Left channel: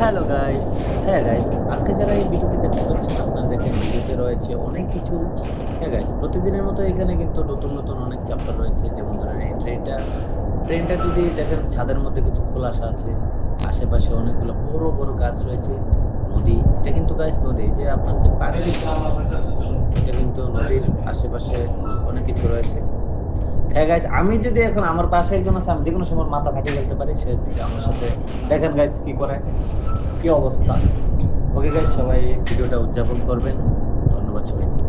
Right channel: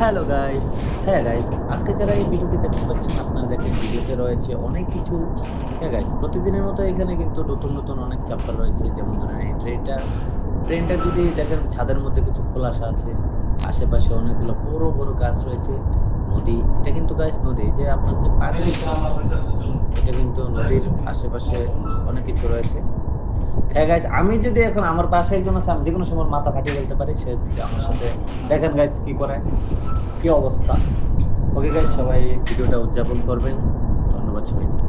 Hello guys, হ্যাঁ guys, আজকে যারা এই ভিডিওটি দেখতে পাচ্ছেন আপনারা দেখেন ভিডিওতে রয়েছে অনেক কিছু। হ্যাঁ গাইস, প্রতিদিনের মতো এখানে কিন্তু নতুন নতুন অনেক চ্যাপ্টার রয়েছে। যেমন ধরেন এই ট্রেনটা যদি দেখেন ছাদের মধ্যে কিছু খোলাসা আছে, আশেপাশে অনেকগুলো বড় বড় গাছ রয়েছে, নদী। এটা কিন্তু গাইস নদী, যে আপনার যে পানি দেখতে পাচ্ছেন, এটা কিন্তু নদীর আশেপাশে অনেক কিছু রয়েছে। হ্যাঁ গাইস, আমি যদি এখন আমার পাশে একজন আছে, আমি যেকোনো সময় মাথা ফাটিয়ে ফেলতে পারি। সে যদি আমার সাথে দেখেন গাইস কি করে, কি অবস্থা। ওকে গাইস, সবাই ভিডিওটা উদযাপন করবেন। ধন্যবাদ সবাইকে।